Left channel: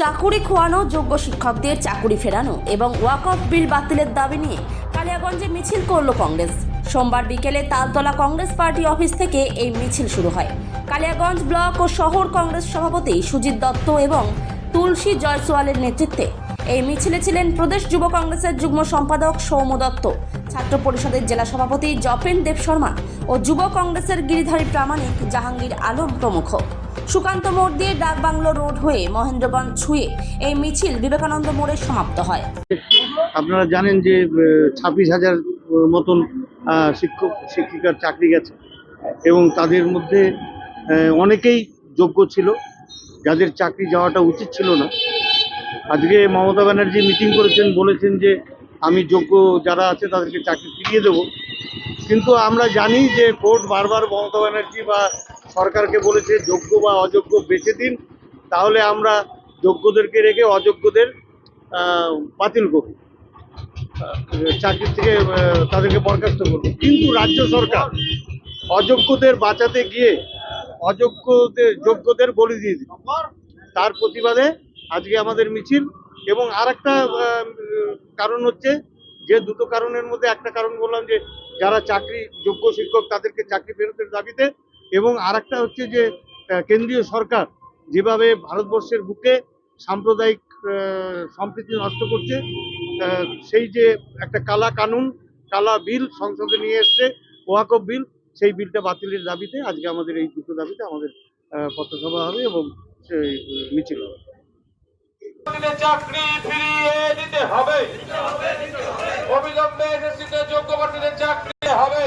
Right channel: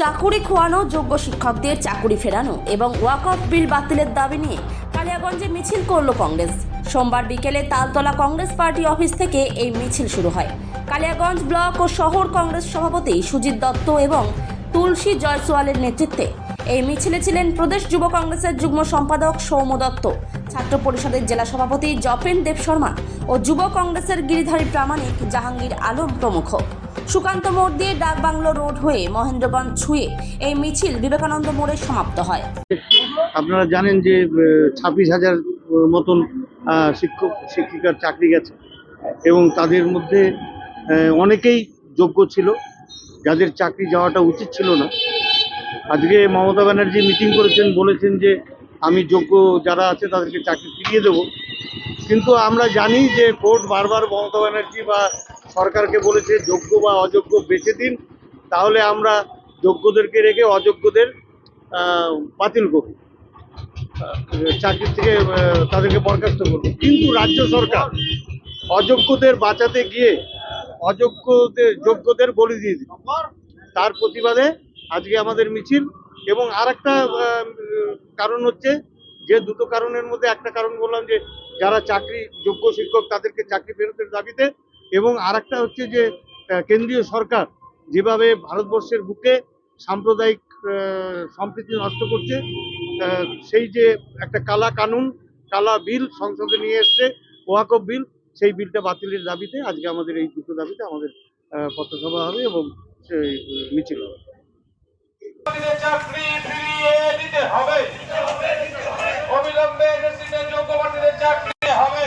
চাকুরি খোয়ানো, যোগ্য শিক্ষকদের চাকুরি ফেরানো এবং ওয়াকফ বিল বাতিলের দাবি নিয়ে কালিয়াগঞ্জে মিছিল করল কংগ্রেস। সোমবার বিকেলে তালতলা কংগ্রেস পার্টি অফিস থেকে এই মিছিল শুরু হয়। কালিয়াগঞ্জ ব্লক ও শহর কংগ্রেস সভাপতি সুজিত দত্ত এবং তুলসী জয়সওয়ালের নেতৃত্বে এই মিছিলে ছিলেন প্রদেশ যুব কংগ্রেসের যুগ্ম সম্পাদক সৌম্য দত্ত, ছাত্র পরিষদের জেলা সভাপতি জপেন দেব শর্মা ও যুব কংগ্রেসের গিরিধারী প্রামাণিক জাহাঙ্গীর আলম প্রমুখ। সুকান্ত মোড় দিয়ে ডাকবাংলো রোড হয়ে মহেন্দ্রগঞ্জ ছুঁয়ে এই মিছিল বিবেকানন্দ মোড়ে সমাপ্ত হয়। আপনারা জানেন যে 26,000 মতন শিক্ষক শিক্ষিকার চাকরি গেছে এবং তাদের মধ্যে অনেকেই যোগ্য ছিল, যাদের চাকরি যাওয়াটা উচিত ছিল না। আজকে মমতা ব্যানার্জি মিটিং করেছেন, বলেছেন যে আমি যোগ্য যারা আছে তাদেরকে চাকরি ফিরিয়ে দেব। কিন্তু আমরা জানি যে কোর্ট বারবার মমতা ব্যানার্জি বা সরকারকে বলেছে যোগ্য বা অযোগ্য বেছে দিন, তাহলে আমরা যোগ্যদেরকে রেখে অযোগ্যদের বাতিল করব, চাকরি থেকে তাদেরকে বরখাস্ত করব। কিন্তু রাজ্য সরকার অযোগ্যদের বাঁচাতে গিয়ে যোগ্যদের বলি দিয়ে দিল। তার প্রতিবাদে আজকে আমাদের মিছিল। এবং আরেকটা কারণ হচ্ছে যে দুটো কারণের মধ্যে একটা কারণ বললাম যে যারা চাকরি যোগ্য শিক্ষক তাদেরকে চাকরি ফেরতের দাবিতে, এবং আরেকটা হচ্ছে যে কেন্দ্রীয় সরকার যেভাবে ভারতবর্ষের বুকে সাম্প্রদায়িক সম্প্রীতি নষ্ট করছে, সেই যে একটা কালা কানুন, কালা বিল সংসদে নিয়ে এসছে ওয়াকফ বিল, সেই বিলটা বাতিলের দাবিতে আজকে আমাদের এই দুটো দাবিতে আমাদের পথসভা হবে এবং সেই মিছিল হবে। চাকরি ফিরিয়ে দিতে হবে, অবিলম্বে এসএসসিতে যোগ্য প্রার্থীদের চাকরি হবে।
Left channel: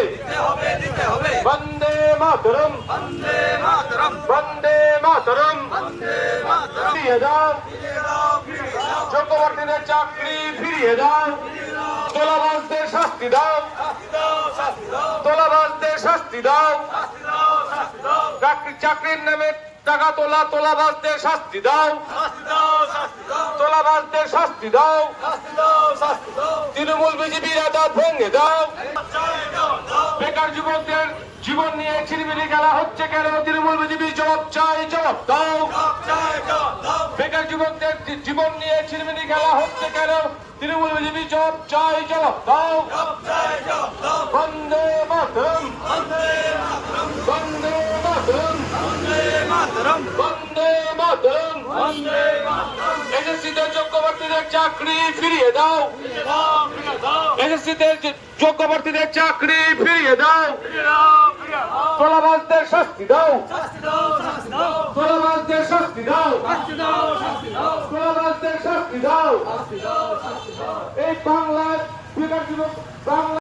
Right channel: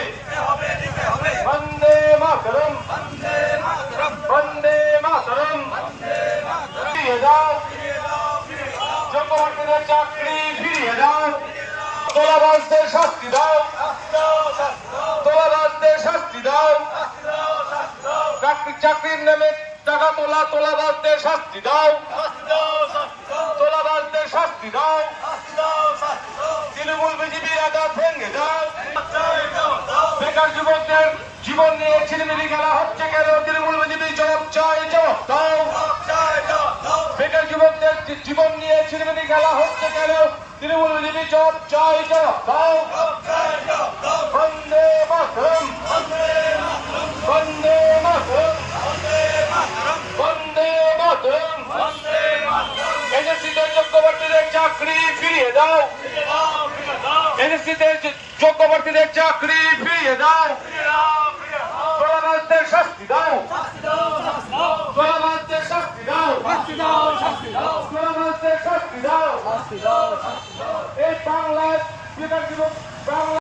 বন্দে মাতরম, বন্দে মাতরম, বন্দে মাতরম, ফিরিয়ে দাও যোগ্য প্রার্থীদের চাকরি, ফিরিয়ে দাও তোলাবাজদের শাস্তি দাও, তোলাবাজদের শাস্তি দাও, চাকরির নামে টাকা তোলাবাজদের শাস্তি দাও, তোলাবাজদের শাস্তি দাও, তৃণমূল বিজেপির আদালত ভেঙে দাও। বেকার যুবকদের জীবন নিয়ে ছিনিমিনি খেলা হচ্ছে কেন? তৃণমূল বিজেপি জবাব চাই, জবাব দাও। বেকার যুবকদের জীবন নিয়ে ছিনিমিনি খেলা হচ্ছে কেন? তৃণমূল বিজেপি জবাব চাই, জবাব দাও। বন্দে মাতরম, বন্দে মাতরম, বন্দে মাতরম, এসএসসিতে যোগ্য প্রার্থীদের চাকরি ফিরিয়ে দাও, এসএসসিতে যোগ্য প্রার্থীদের চাকরি ফিরিয়ে দাও, তোলাবাজদের শাস্তি দাও, তোলাবাজদের শাস্তি দাও, তোলাবাজদের শাস্তি দাও। এই বাংলার বেকার যুবক বাংলা